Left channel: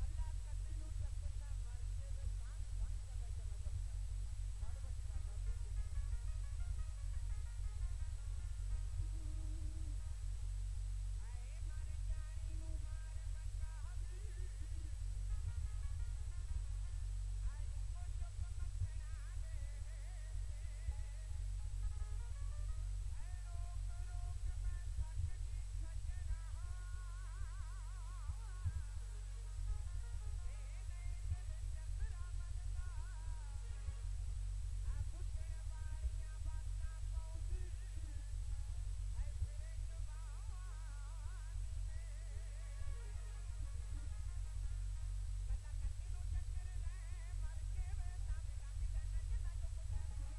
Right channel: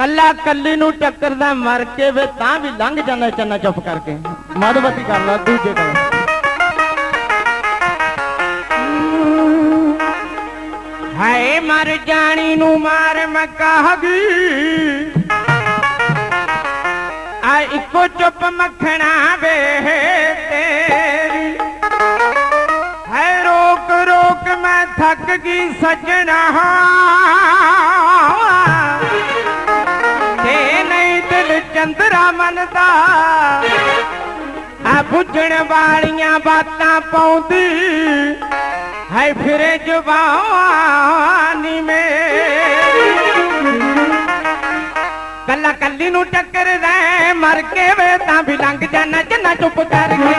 ਕੱਲਾ ਕੱਲੀ ਨੂੰ ਟੱਕਰਦਾ ਮਰ ਕੇ ਵੇ, ਤਾਂ ਵੀ ਲੰਘ ਜਾਂਦਾ ਚੰਨਾ ਚੁੱਪ ਕਰਕੇ। ਮਧਵਤੀ ਕਰ ਲਾ ਦੂਜੇ ਕਰ ਹਾਏ, ਮਰ ਜਾਣੀ ਨੂੰ ਮਾਰ ਮੈਂ ਕਹਾਂਗੀ ਆ ਇੱਕੋ ਚੁੱਪ ਮੱਖਣਾ ਵੇ ਤੇਰੀ। ਹੈ ਰੋਕ ਰੋਕ ਮੈਂ ਥੱਕ ਗਈ ਸਜਣਾ। ਚੰਦਰਾ ਮੰਨਦਾ। ਆ ਬੁੱਝਣ ਵਾਲੀਆਂ ਬਾਤਾਂ ਪਾਉਂਦੀ। ਹੈ ਫਿਰੇ ਜਵਾਨੀ ਮੇਰੀ। ਕੱਲਾ ਕੱਲੀ ਨੂੰ ਟੱਕਰਦਾ ਹੈ, ਮਰ ਕੇ ਵੇ ਤਾਂ ਵੀ ਲੰਘ ਜਾਣਾ ਜੰਨਾ ਚੁੱਪ ਕਰਕੇ।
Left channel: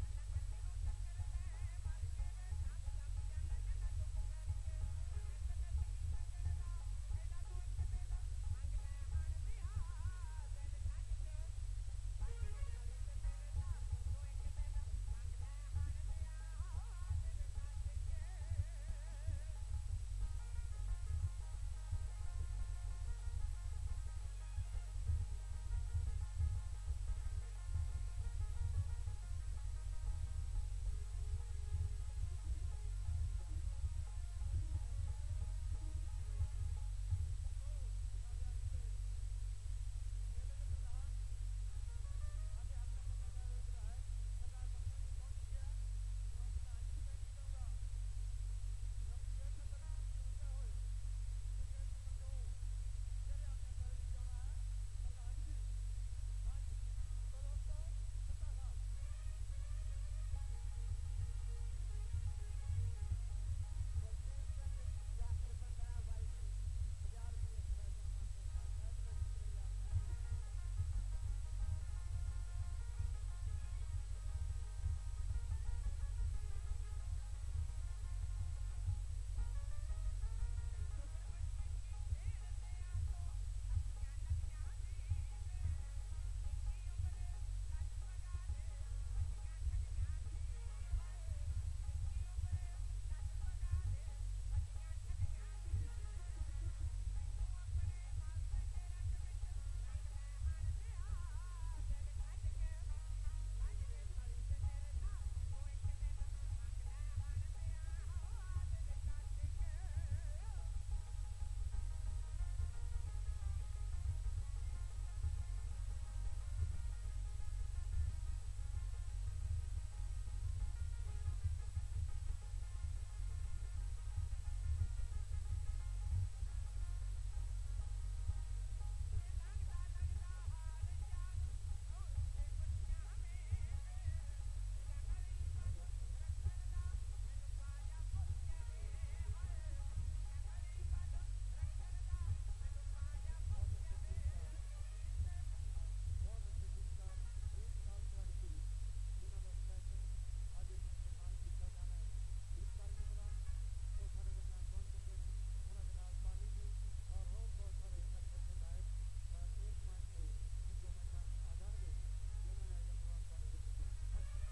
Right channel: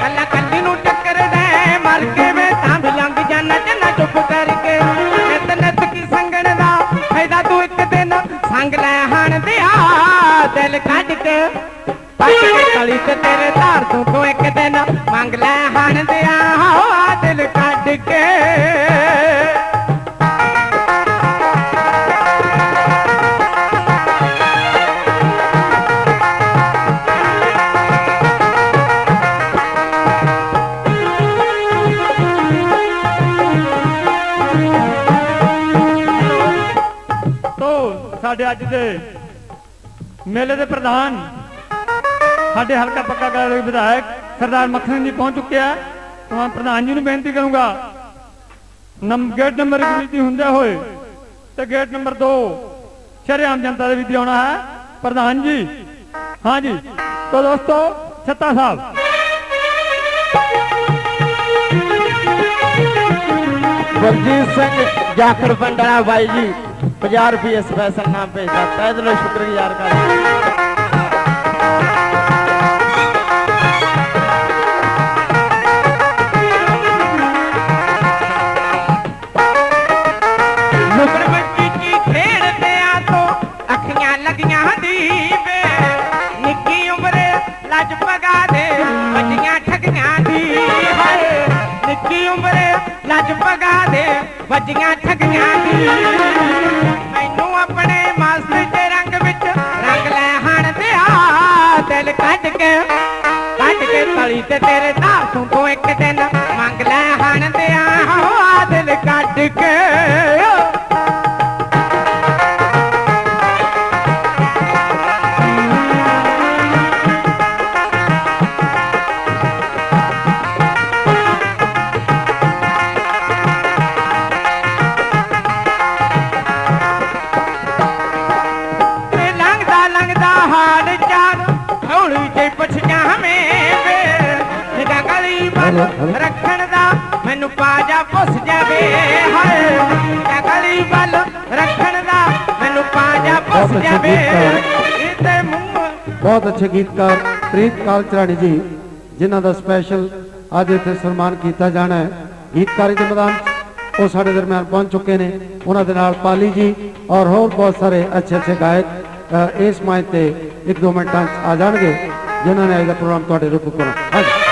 ਕੱਲਾ ਦਿਲ ਕੱਢ ਕੇ। ਪੱਟ ਕਲੀ ਤੇ ਤੇਰੇ ਧਾਰ ਤੋਂ ਤੂੰ ਇੱਕ ਦਿਨ ਮੰਗ ਲੈ ਹਣ ਦਿਆ। ਹੋ ਦਿਲ ਕੱਢ ਕੇ। ਸਾਡੇ ਅੱਜ ਦੇ ਮੇਲੇ ਦੇ ਪ੍ਰਧਾਨ। ਸਾਡੇ ਹਲਕਾ ਪੱਕਾ ਗਾਲ ਦੇ ਵਿਧਾਇਕ ਸਰਦਾਰ ਮੱਖਣ ਜੀ ਪਹੁੰਚ ਚੁੱਕਿਆ ਤਾਂ ਪ੍ਰਧਾਨ ਜੀ ਨੂੰ ਬੇਨਤੀ ਕਰੂੰਗਾ ਨੰਮ ਗੇਟ ਨੰਬਰ 1 ਵਿੱਚ ਹੁੰਦੇ ਹੋਏ ਤੇ ਗੇਟ ਨੰਬਰ 2 ਸ਼ਰੇਆਮ ਜਨਤਾ ਦੇ ਵਿੱਚ ਆਉਣਾ ਹੈ। ਪ੍ਰਧਾਨ ਜੀ, ਹਾਂ ਜੀ, ਤੋ ਦੋਸਤੋ ਛੱਤਾ ਸਾਹਿਬ। ਗੁਰਜੀਤ ਸਿੰਘ, ਜਾਖੜ ਪੰਡਲਾ ਬਾਈ ਜੀ। 50 ਰੁਪਏ ਸਪੈਸ਼ਲ ਨਾਮ ਭੇਜਦਾ। ਤਹਿ ਦਿਲੋਂ ਸ਼ੁਕਰਗੁਜ਼ਾਰ ਕਰਦਾ। ਨੁਕਰ ਬੱਚੀ ਦੀ। ਤੇ ਤੇਰੇ ਧਾਰ ਤੋਂ ਤੂੰ ਇੱਕ ਦਿਨ ਮੰਗ ਲੈ ਹਣ ਦਿਆ ਆ ਦਿਲ ਕੱਢ ਕੇ। ਤੇ ਲੰਘਦਾ ਲੰਘਦਾ ਹਾਲ ਚਾਲ ਹੌਲੀ ਜਿਹੀ ਪੁੱਛ ਰੱਖਣ ਦਾ ਮੈਨੂੰ ਪਾਜਾ ਪੁੱਛ ਜਾਵੇ ਹਾਏ। ਗਲੀ ਵੱਲ ਰੱਖਣ ਦਾ ਮੈਨੂੰ ਪਾਜਾ ਪੁੱਛ ਬਹੁਤ ਅੱਛੇ ਜਾਵੇ। ਤੇ ਮੂੰਹ ਬਹੁਤ ਅੱਛੇ ਗੀਤਕਾਰ ਪ੍ਰੀਤ ਕਾਲਚਰਾਣੀ ਜੀ ਜਿਨ੍ਹਾਂ ਦਾ ਸਪੈਸ਼ਲ ਅੱਜ ਇੱਥੇ ਸਨਮਾਨ ਕੀਤਾ ਜਾਣਾ ਹੈ। ਗੀਤਕਾਰੀ ਦੇ ਮੈਦਾਨ ਉਹ ਸਾਡੇ ਦਰਮਿਆਨ ਪਹੁੰਚ ਚੁੱਕੇ ਨੇ। ਉਹਨਾਂ ਦੇ ਨਾਲ ਪਾਲੀ ਜੀ ਔਰ ਹੋਰ ਬਹੁਤ ਸਾਰੇ ਅੱਛੇ ਅੱਛੇ ਗਾਇਕ ਇਸ ਮਾਈਕ ਤੇ ਇੱਕ ਦੋ ਮਿੰਟਾਂ ਆ ਜਾਣਗੇ ਜਿਨ੍ਹਾਂ ਨੇ ਅੱਜ ਦਾ ਪ੍ਰੋਗਰਾਮ ਤੁਹਾਡੇ ਰੂਪ ਕੋਲ ਹਾਂਜੀ।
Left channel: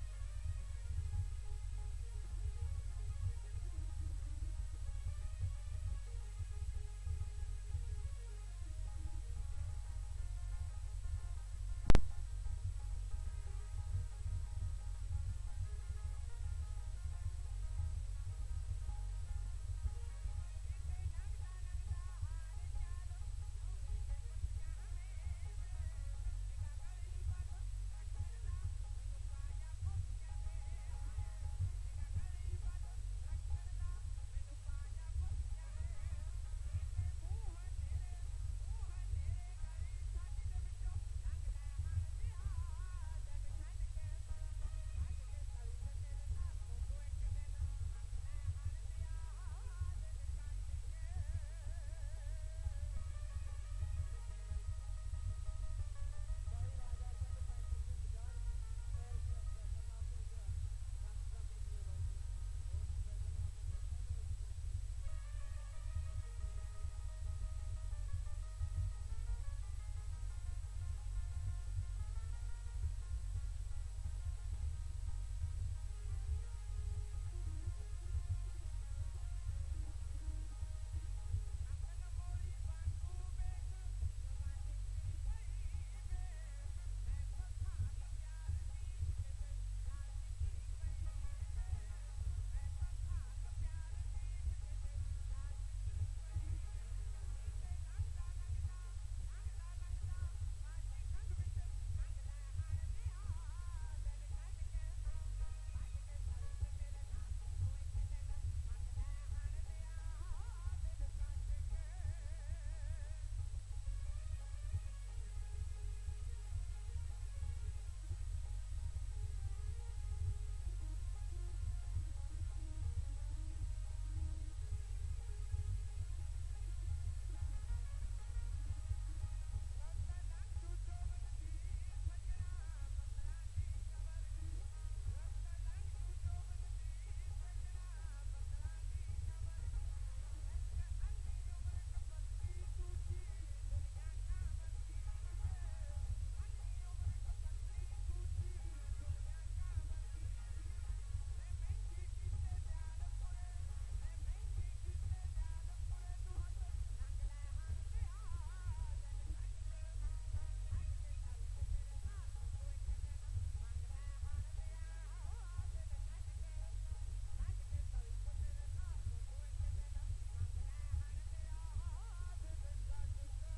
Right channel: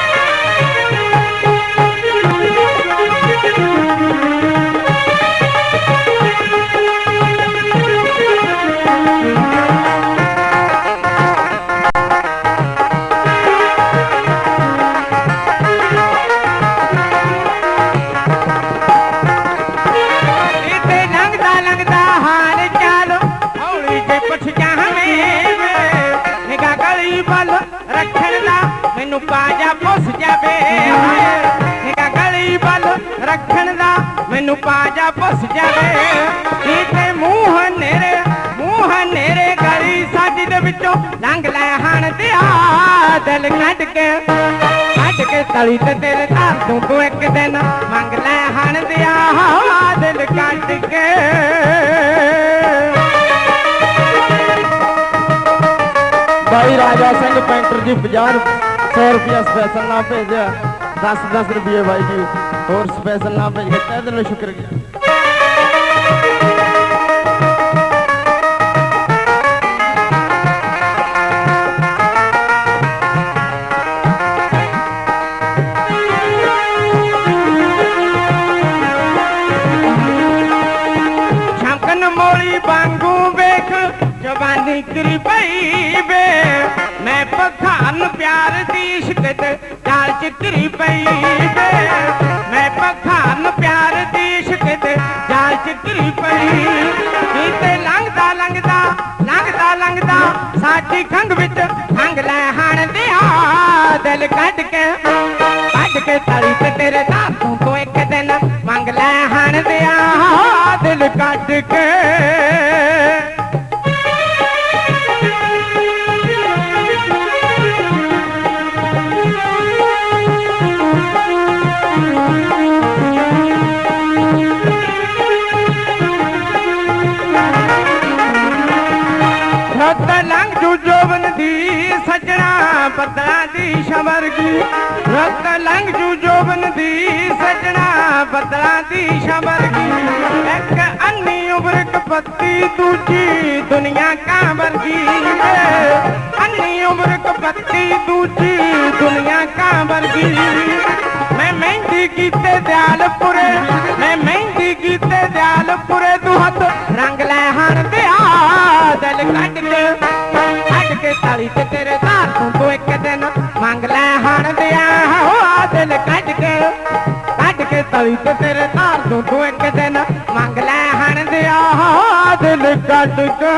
ਮੈਨੂੰ ਪੁੱਛ ਜਾਵੇ ਹਾਏ ਗਲੀ ਵੱਲ ਰੱਖਣ ਦਾ, ਮੈਨੂੰ ਪਾਜਾ ਪੁੱਛ ਜਾਵੇ। ਇੱਥੇ ਮੂੰਹ ਨੇਰੇ ਮੂੰਹ ਨੇਰੇ ਗਲੀ ਸਾਡੀ ਦੇ ਵਿੱਚੋਂ ਲੰਘ ਲੈ ਹਣ ਦਿਆ ਦਿਲ ਕੱਢ ਕੇ ਕੱਢ ਕੇ ਤਲੀ ਤੇ ਤੇਰੇ ਧਾਰ ਤੂੰ ਤੂੰ ਇੱਕ ਦਿਨ ਮੰਗ ਲੈ ਹਣ ਦਿਆ ਹਾ ਦਿਲ ਕੱਢ ਕੇ। ਭਾਈ ਰਾਜਾ ਸਿੰਘ ਪੈਂਟਰ ਜੀ 50 100 ਰੁਪਿਆ ਸਪੈਸ਼ਲ ਨਾ ਭੇਜਿਆ 10 10 ਰੁਪਏ ਭਾਈ ਜੀ ਹੋਰ ਸਪੈਸ਼ਲ ਨਾ ਭੇਜ ਕੇ ਤਹਿ ਦਿਲੋਂ ਸ਼ੁਕਰੀਆ ਛਮਕਨ ਮੋਲੀ ਵਾਂਗੂ ਵੇਖ ਜਵਾਨ ਨਿਕਰੀ ਪਈ ਵੇ ਮੈਂ ਪਖਾਨ ਪਿਆਰ ਦੀ ਇਸ਼ਕ ਚਾਲ ਚਿਕਰੀ ਪਈ ਵੇ ਮੈਂ ਪਖਾਨ ਪਿਆਰ ਦੀ ਇਸ਼ਕ ਚਾਲ ਚਿਕਰੀ ਪਈ ਕਿਤੇ ਲੰਘਦਾ ਲੰਘਦਾ ਲੰਘਦਾ ਲੰਘਦਾ ਸਾਡੀ ਖੰਗ ਵਿੱਚ ਖੰਗ ਲੈ ਹਣ ਦਿਆ ਦਿਲ ਕੱਢ ਕੇ ਕੱਢ ਕੇ ਤਾਰੀ ਤੇ ਤੇਰੇ ਦਾਤੋਂ ਤੋਂ ਇੱਕ ਦਿਨ ਮੰਗ ਲੈ ਹਣ ਦਿਆ ਦਿਲ ਕੱਢ ਕੇ। ਰਤ ਲੰਘ ਜੂ ਜੋਬਨ ਦੀ, ਸਜਣਾ ਬੱਦਲਾਂ ਦੀ ਸ਼ਬਰਗੀ ਰਤ ਲੰਘ ਜੂ ਜੋਬਨ ਦੀ, ਸਜਣਾ ਬੱਦਲਾਂ ਦੀ ਸ਼ਬਰਗੀ ਇੱਕ ਅੰਨੀ ਉਬਰ ਕਪੱਤੀ, ਦੂਜੀ ਦੁਨੀਆ ਕਾਂ ਵਰਗੀ। ਅੰਨੀ ਉਮਰ ਕਪੱਤੀ, ਦੂਜੀ ਦੁਨੀਆ ਕਾਂ ਵਰਗੀ। ਮੈਂ ਮਹਿੰਦੀ ਕੀਤੇ ਦਿਆਲਪੁਰੇ ਕੱਢ ਤੇ ਤੇਰੇ ਧਾਰ ਤੋਂ ਤੂੰ ਇੱਕ ਦਿਨ ਮੰਗ ਲੈ ਹਣ ਦਿਆ ਹੋ ਦਿਲ ਕੱਢ ਕੇ।